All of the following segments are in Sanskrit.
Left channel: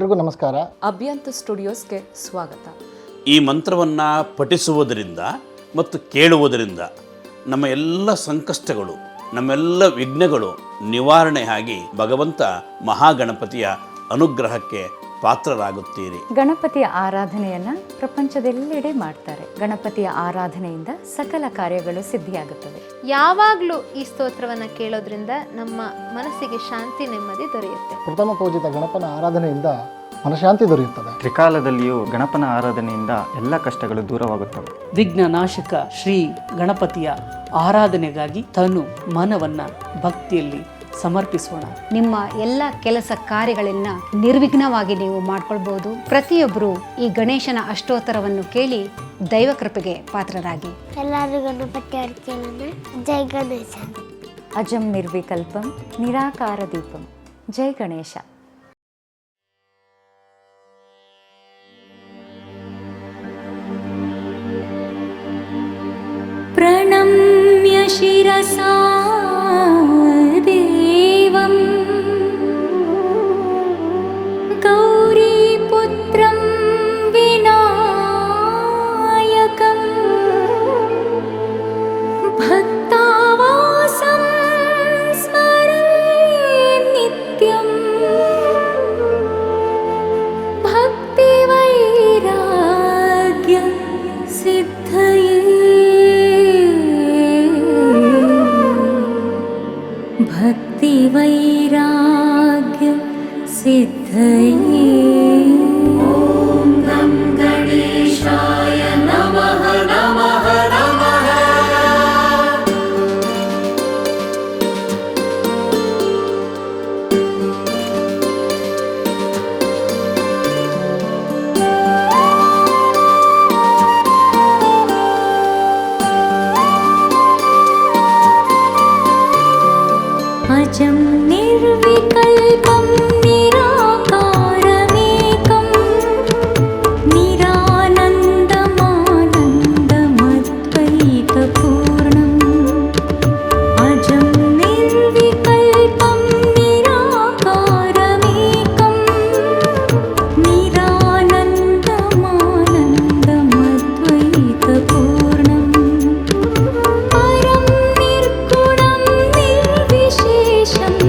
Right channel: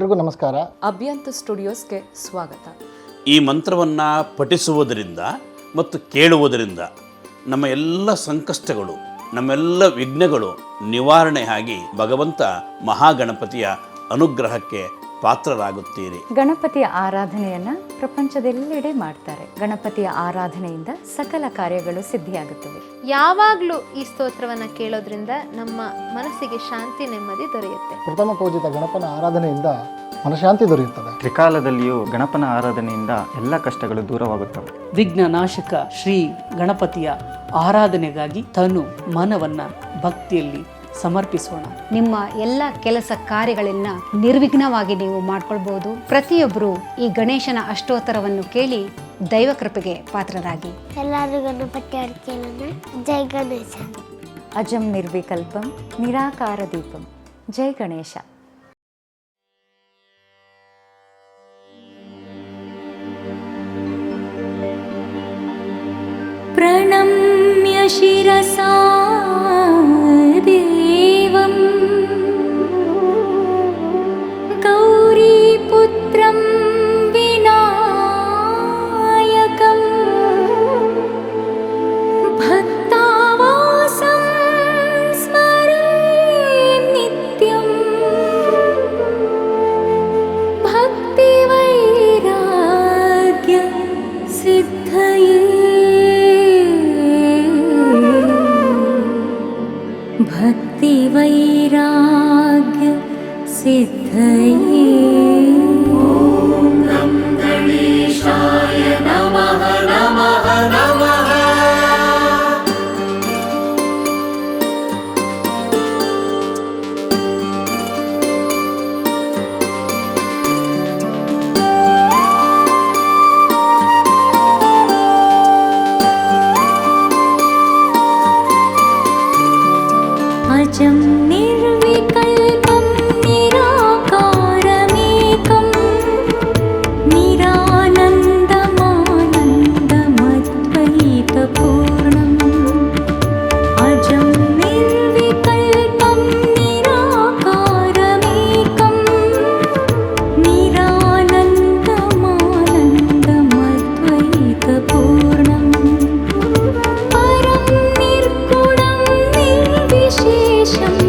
ಎಲ್ರಿಗೂ ನಮಸ್ಕಾರ. ಅಭ್ಯಂತ ಸ್ಟುಡಿಯೋಸ್ಗೆ ಸ್ವಾಗತ. ಈ ಮಂತ್ರವನ್ನು ಪಠಿಸುವುದರಿಂದ ಮತ್ತು ಕೇಳುವುದರಿಂದ ನಮ್ಮ ಎಲ್ಲ ಸಂಕಷ್ಟಗಳು ನಮ್ಮೆಲ್ಲ ವಿಘ್ನಗಳು ನಿವಾರಣೆ ಆಗಿ ಭಗವಂತ ಮಹಾಗಣಪತಿಯ ಅನುಗ್ರಹಕ್ಕೆ ಪಾತ್ರರಾಗುತ್ತೀರಿ. ಗಣಪತಿಯ ಆರಾಧನೆಯನ್ನ ಪ್ರಪಂಚದೆಲ್ಲೆಡೆ ಮಾಡ್ತಾರೆ. ಗಣಪತಿಯ ಆರಾಧನೆಯಿಂದ ಸಕಲ ಕಾರ್ಯಗಳು ಸಿದ್ಧಿಯಾಗುತ್ತವೆ. ಯಾವಾಗಲೂ ಈ ಸ್ತೋತ್ರವನ್ನ ಕೇಳೋದ್ರಿಂದ ನಮ್ಮ ಮನಸ್ಸಿಗೆ ಶಾಂತಿ ನೆಮ್ಮದಿ ದೊರೆಯುತ್ತೆ. ಪ್ರಥಮ ಪೂಜಿತ ಗಣಪನ ಆರಾಧನೆಯಿಂದ ಮನಶಾಂತಿ ದೊರೆಯುತ್ತದೆ. ತ್ರಿಕಾಲದಲ್ಲಿಯೂ ಗಣಪನ ಆರಾಧನೆಯಿಂದ ಎಲ್ಲ ಕಷ್ಟಗಳು ದೂರವಾಗುತ್ತವೆ. ವಿಘ್ನ ನಾಶಕ ಶ್ರೀ ಗಣಪತಿಯ ಆರಾಧನೆಗಾಗಿ ತನು ಮನವನ್ನ ಭಕ್ತಿಯಲ್ಲಿ ಸಮರ್ಪಿಸೋಣ ನಿಮ್ಮ ಎಲ್ಲ ಕೆಲಸ ಕಾರ್ಯಗಳನ್ನ ನಿರ್ವಿಘ್ನವಾಗಿ ನೀವು ಮಾಡ್ಕೊಳ್ಬಹುದು ಪ್ರತಿಯೊಬ್ಬರು ಈ ಗಣೇಶನ ಅಷ್ಟೋತ್ತರವನ್ನು ಕೇಳಿ ದೈವ ಕೃಪೆಗೆ ಪಾತ್ರರಾಗಿ ಎಲ್ಲರೂ ಗಣಪತಿ ಅಡ್ಕೆಲನ್ನ ಜೈ ಗಣೇಶ ಅಜಂ ನಿರ್ವಿಕಲ್ಪಂ ನಿರಾಕಾರ ದೀಪಂ ಜೈ ಗಣೇಶ प्रणम्य शिरसा chấm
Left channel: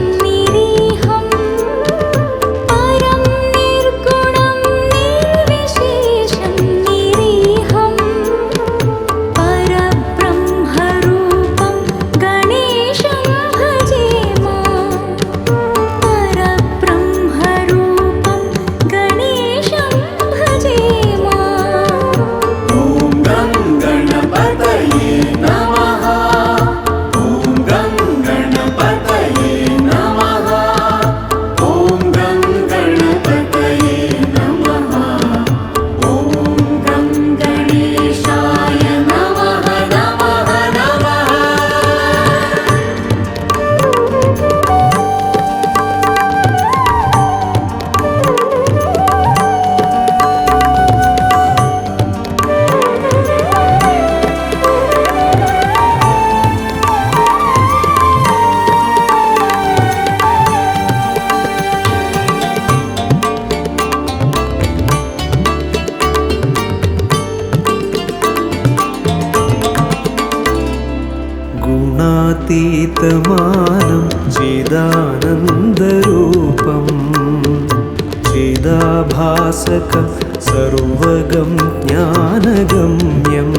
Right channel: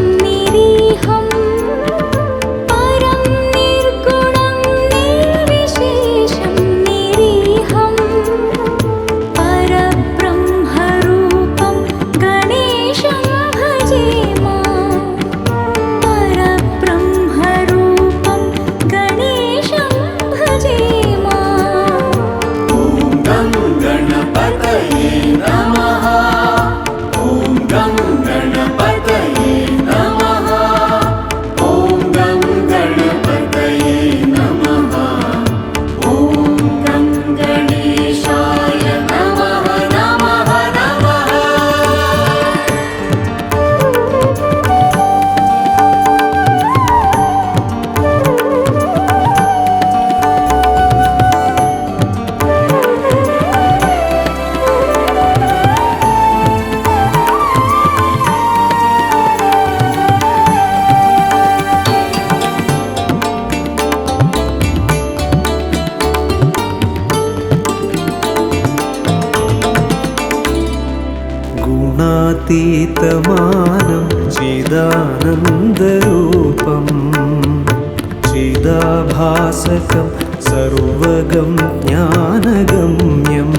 सर्वगं ज्ञानगम्यं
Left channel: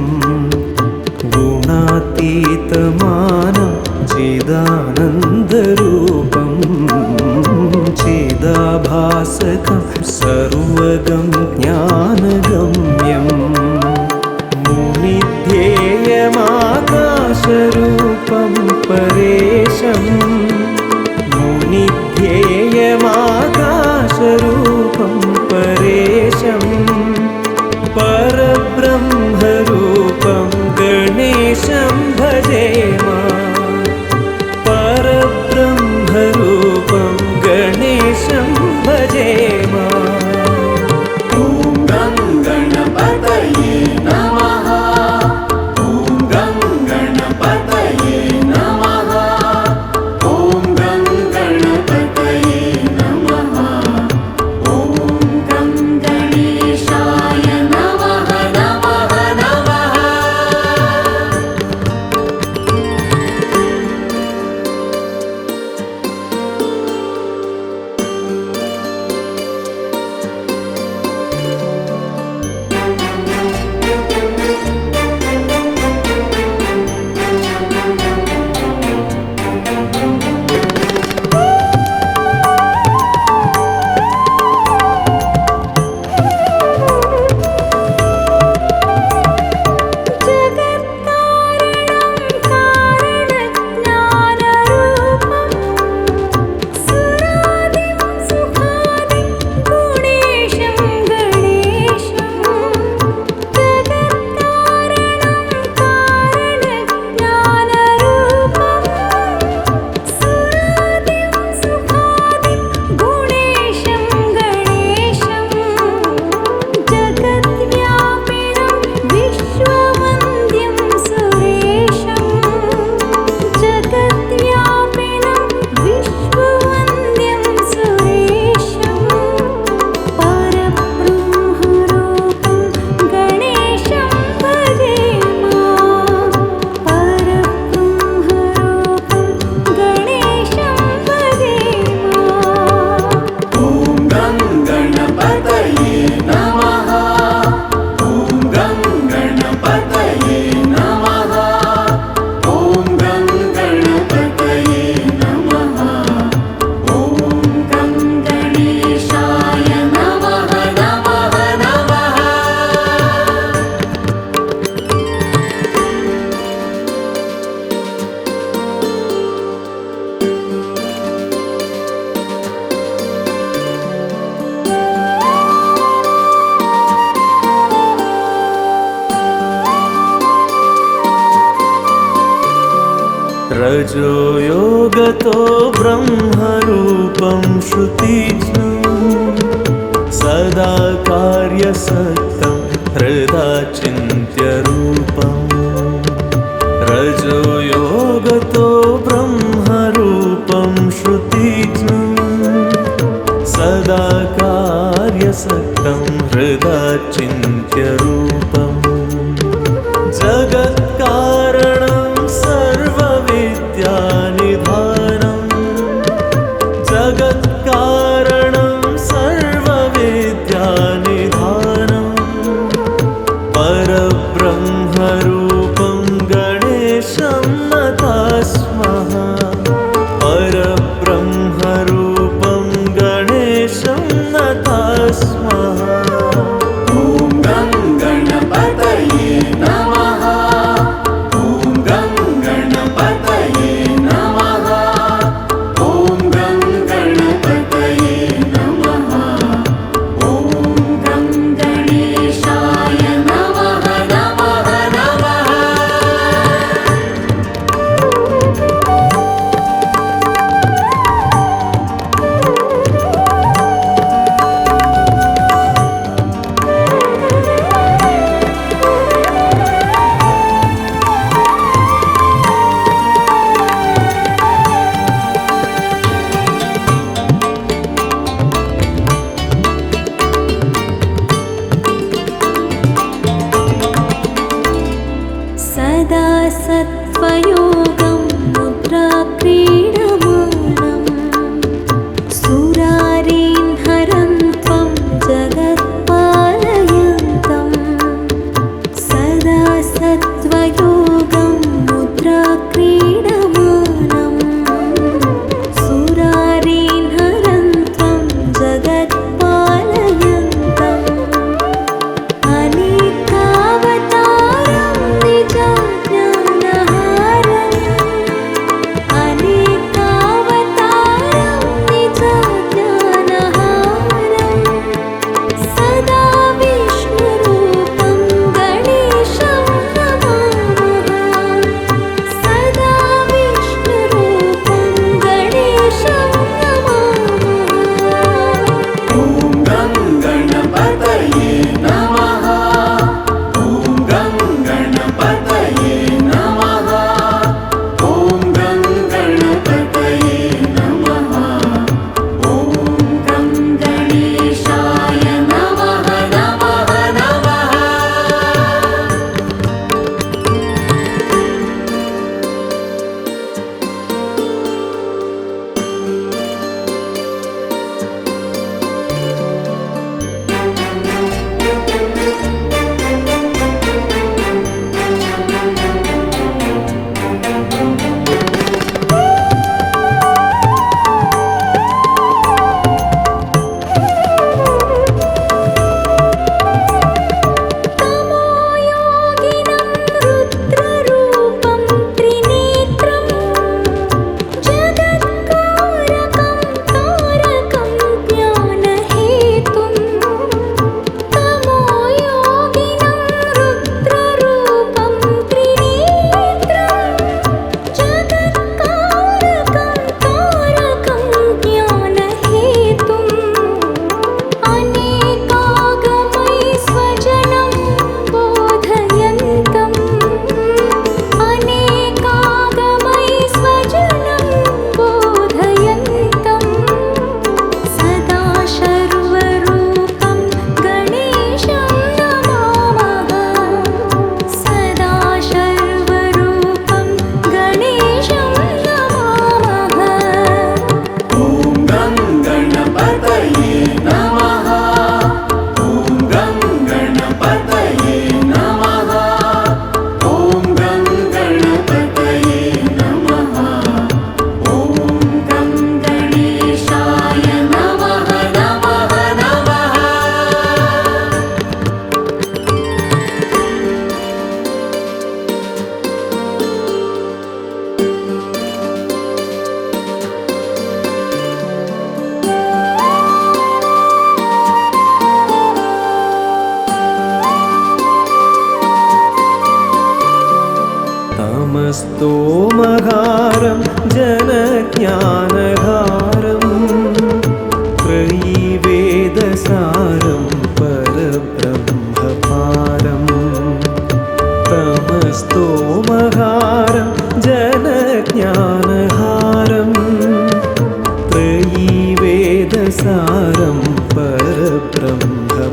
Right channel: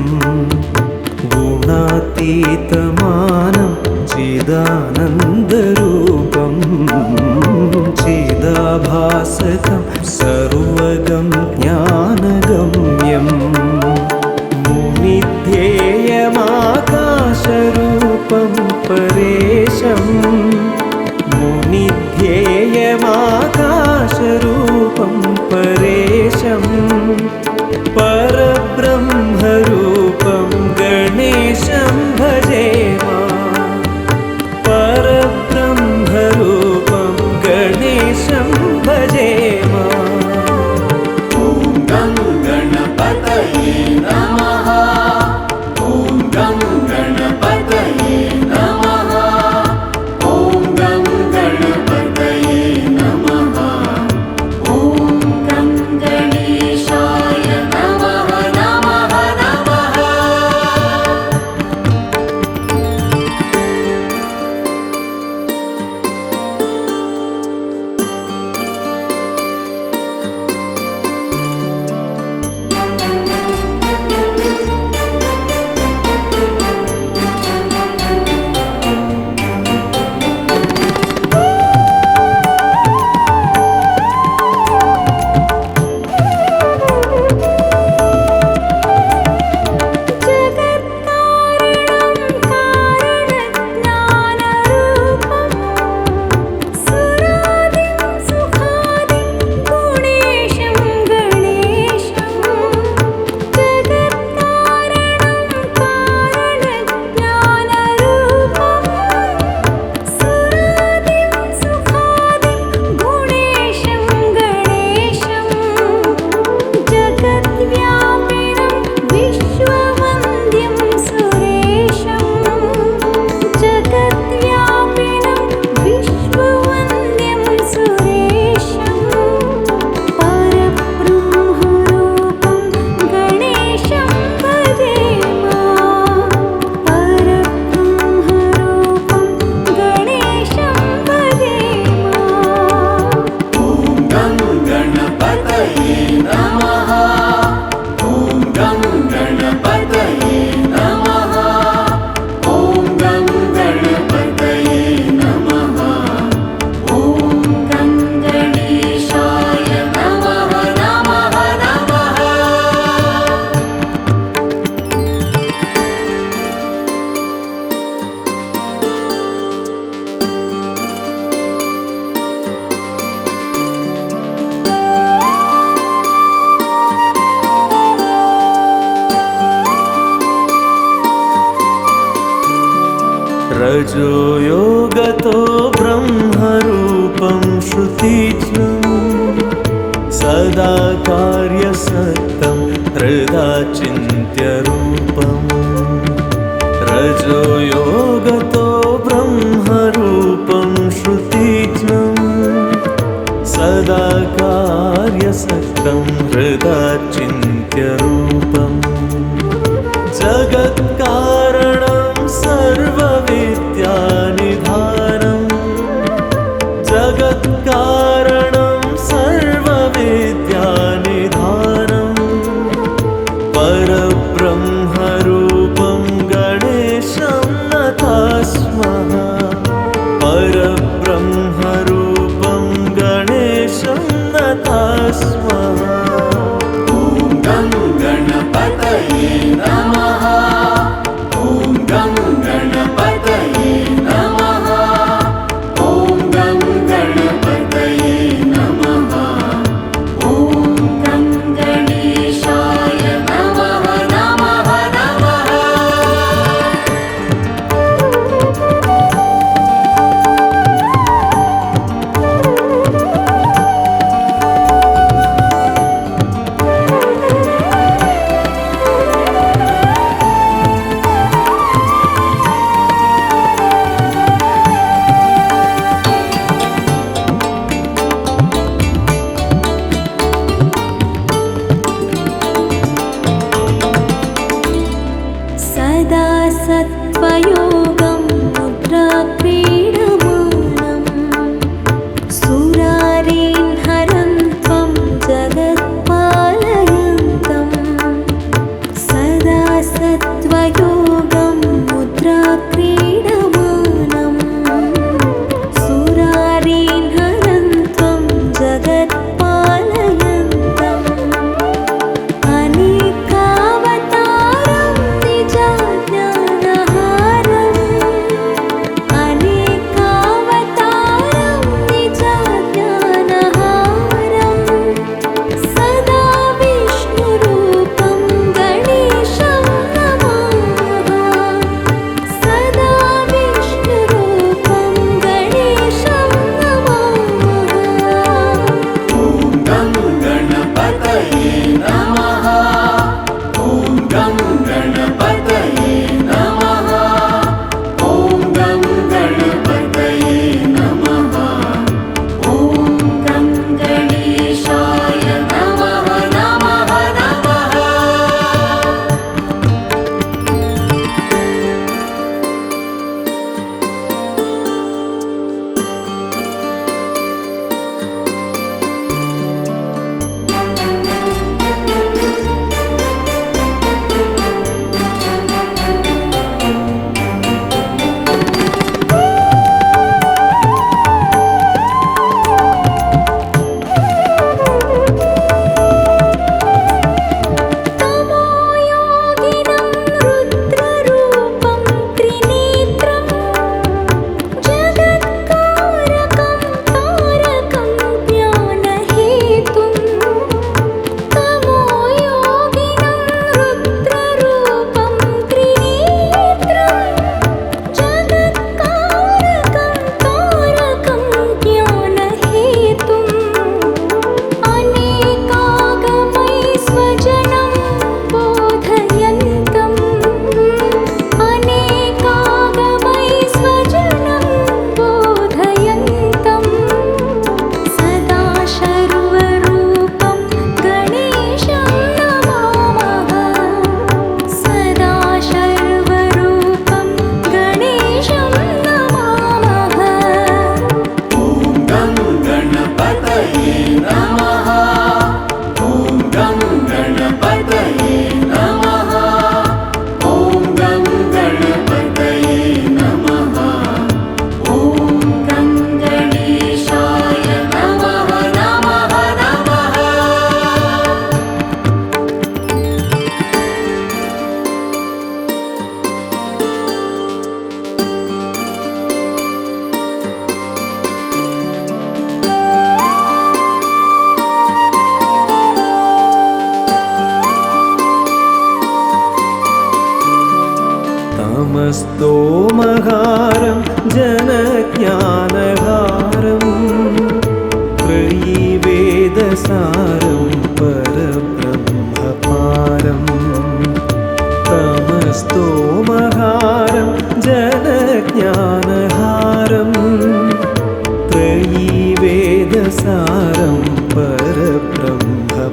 गुणातीतमानं चिदानन्दरूपं चिदाभासकं सर्वगं ज्ञानगम्यम्। मुनिध्येयमाकाशरूपं परेशम् मुनिध्येयमाकाशरूपं परेशं परब्रह्मरूपं गणेशं भजेम परब्रह्मरूपं गणेशं भजेम रजो योगतो ब्रह्मरूपं श्रुतिज्ञम् सदा कार्यसक्तं हृदा चिन्त्यरूपम् रजो योगतो ब्रह्मरूपं श्रुतिज्ञम् सदा कार्यसक्तं हृदा चिन्त्यरूपम् जगत्कारणं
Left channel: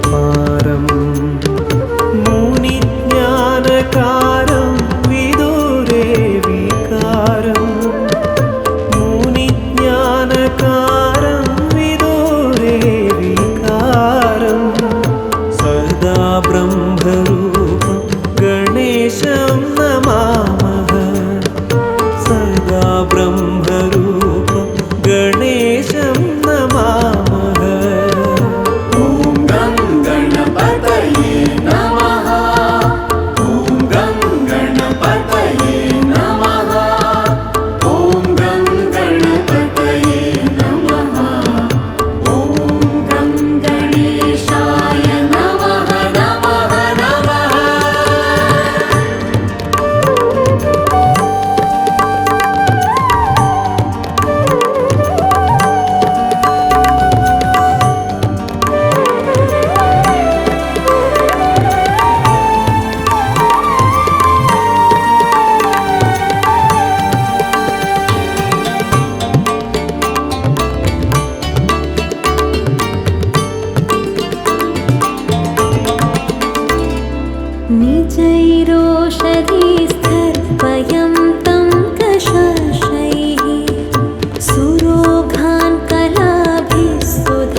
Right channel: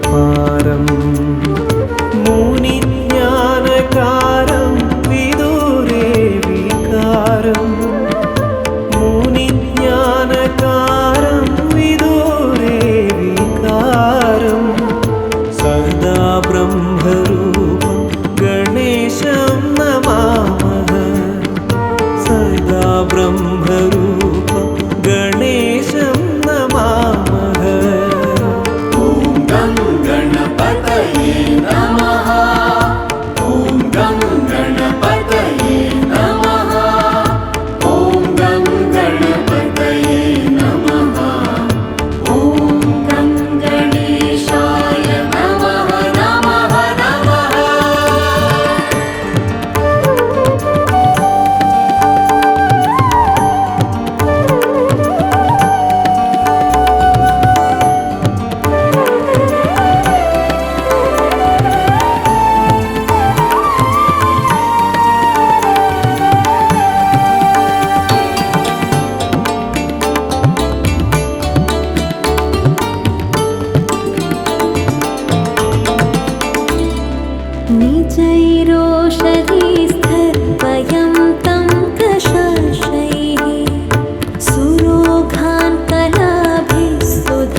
परब्रह्मपारम् मुनिज्ञानकारं विदुरे विकारं मुनिज्ञानकारं विदुरे विकारं सदा ब्रह्मरूपं गणेशं नमामः सदा ब्रह्मरूपं गणेशं नमामः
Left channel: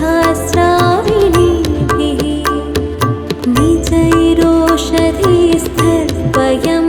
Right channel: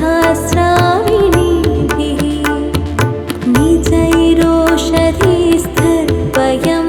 सुधास्राविणीभिः निजैरोषधीस्थर्पयं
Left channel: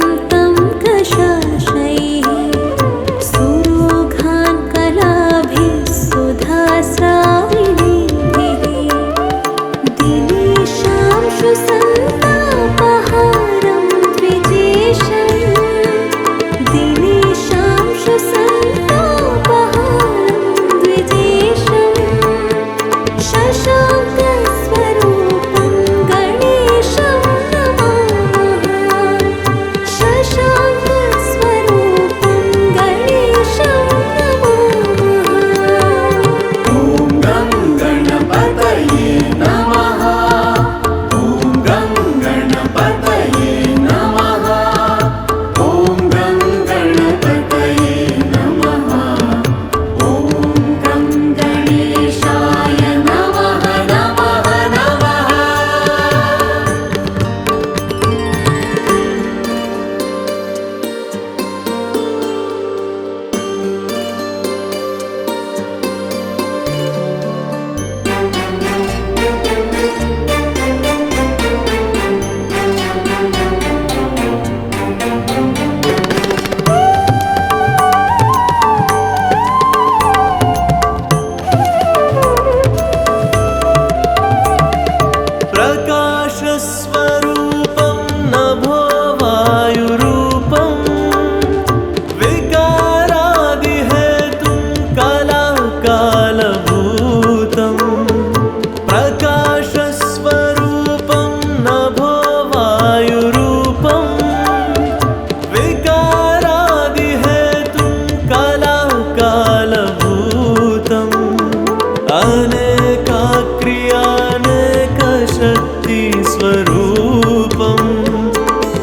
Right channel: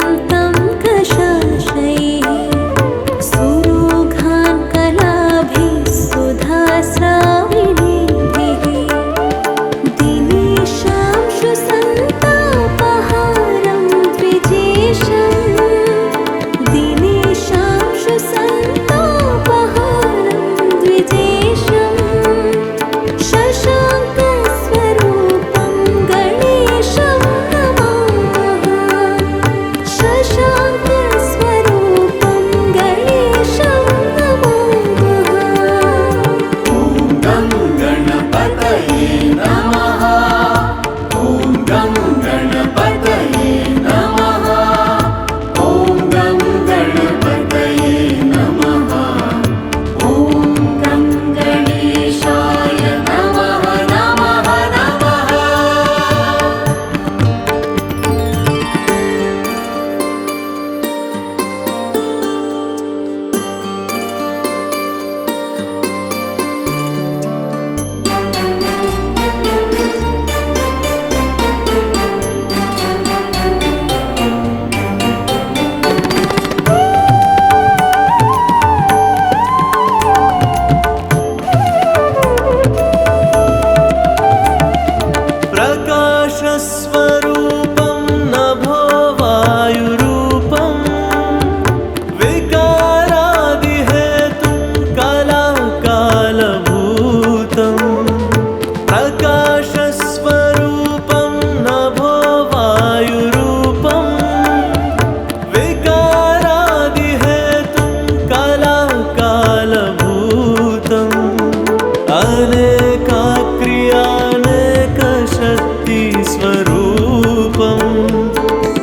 अनेकाक्रियानेकशक्तिस्वरूपम्।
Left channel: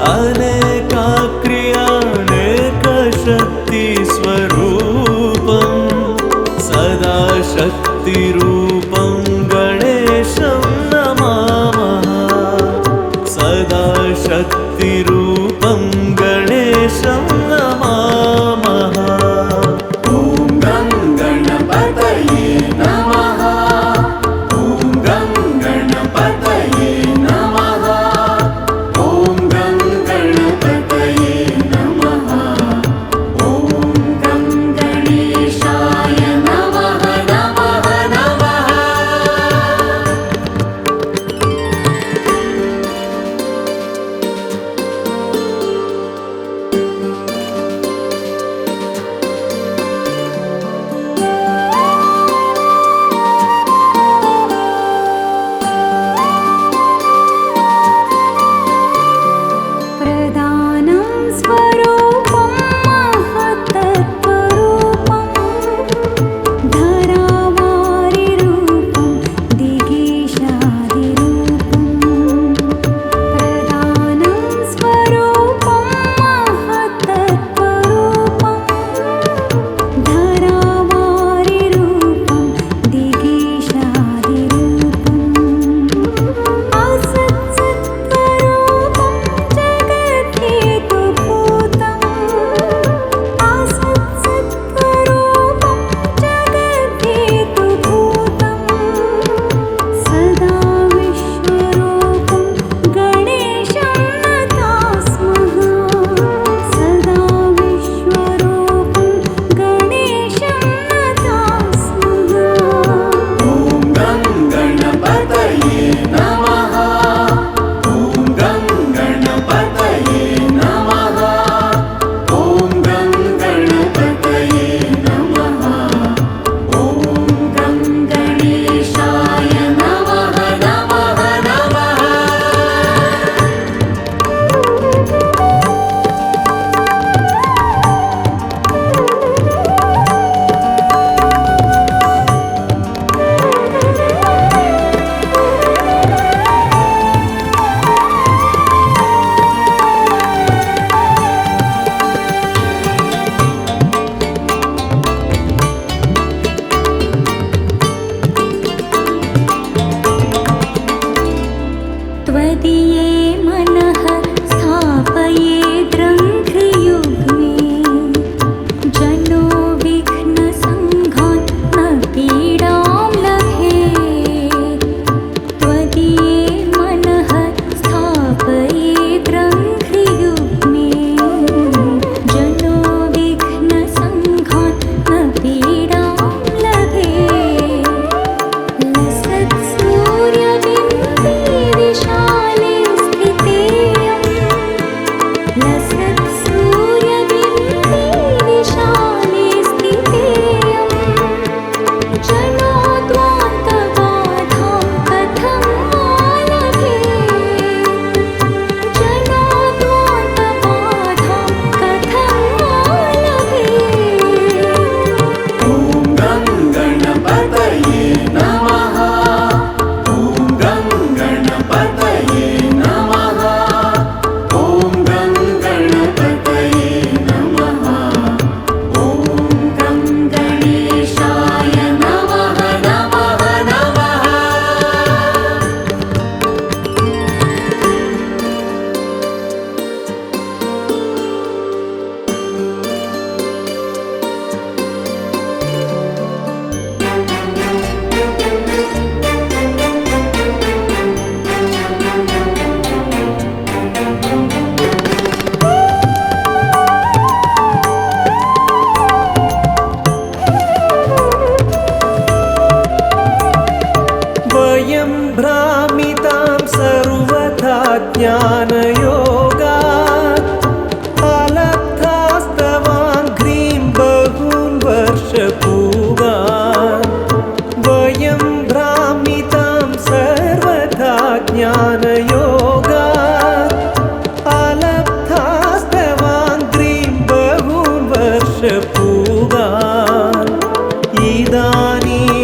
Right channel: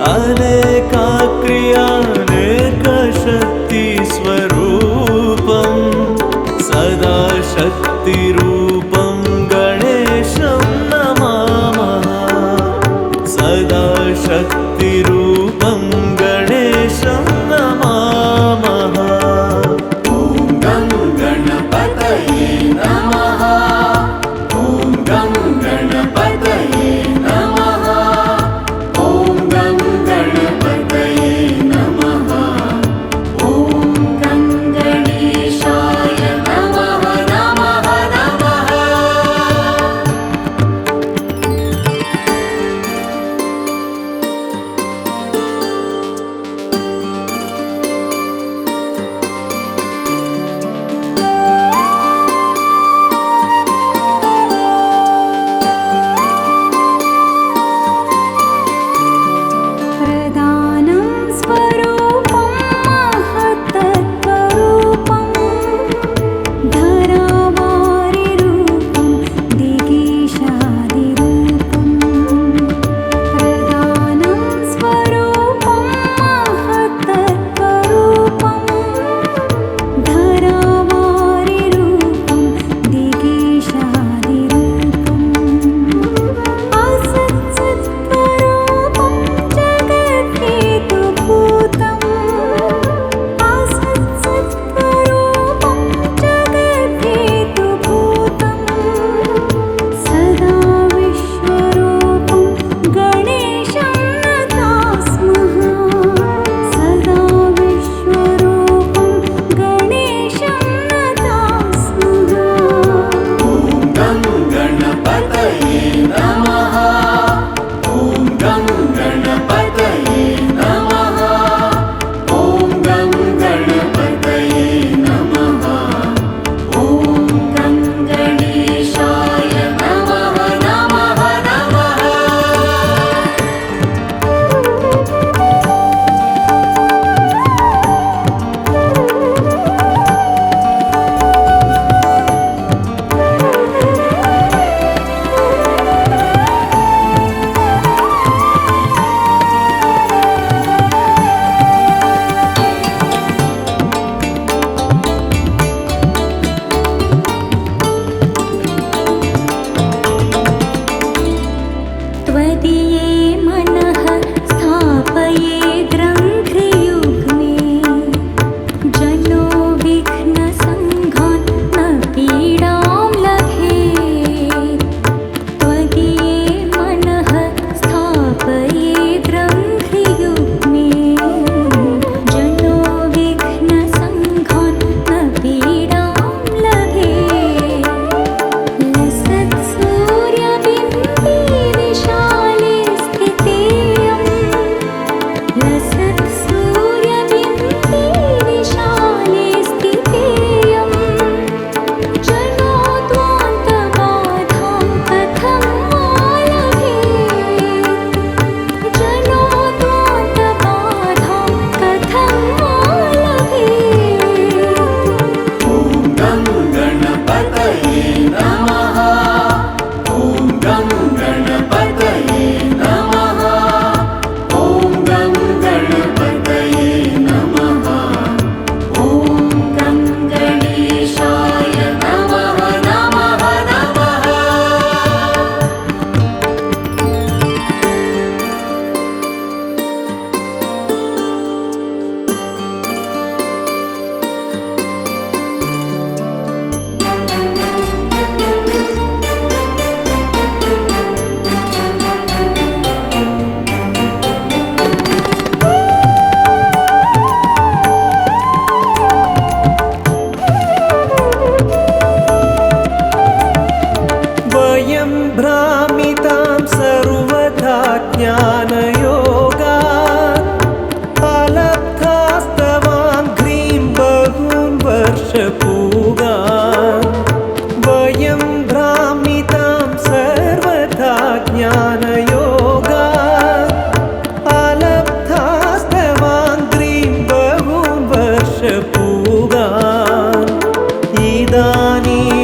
अनेकाक्रियानेकशक्तिस्वरूपं सदा शक्तिरूपं गणेशं नमामः। सदा शक्तिरूपं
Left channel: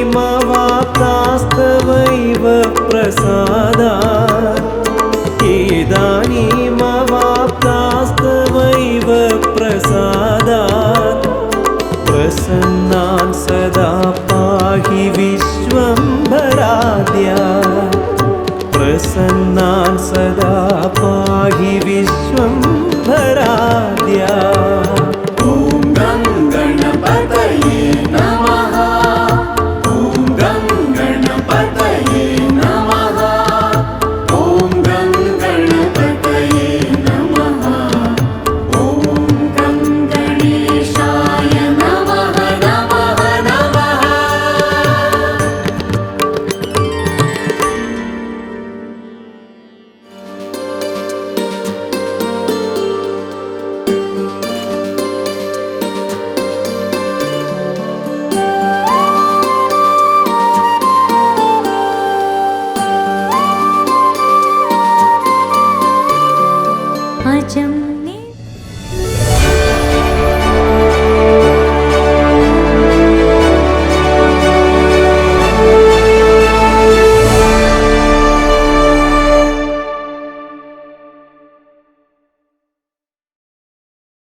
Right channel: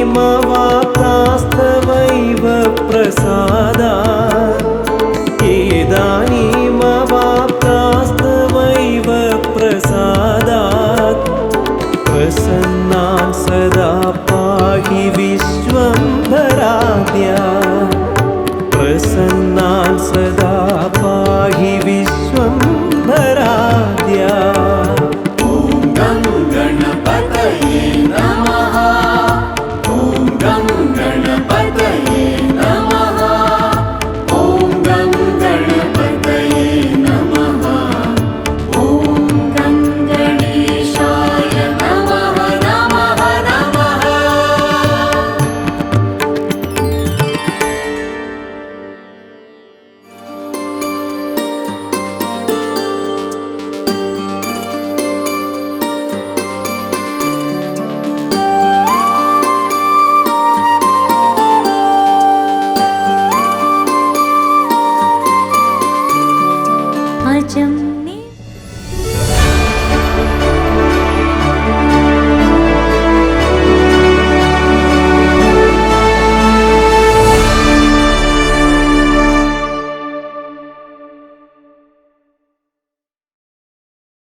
इदानीमवाप्तास्तवैव प्रसादात् इदानीमवाप्तास्तवैव प्रसादात् प्रसन्नान् सदा पाहि विश्वम्भराद्या। प्रसन्नान् सदा पाहि विश्वम्भराद्या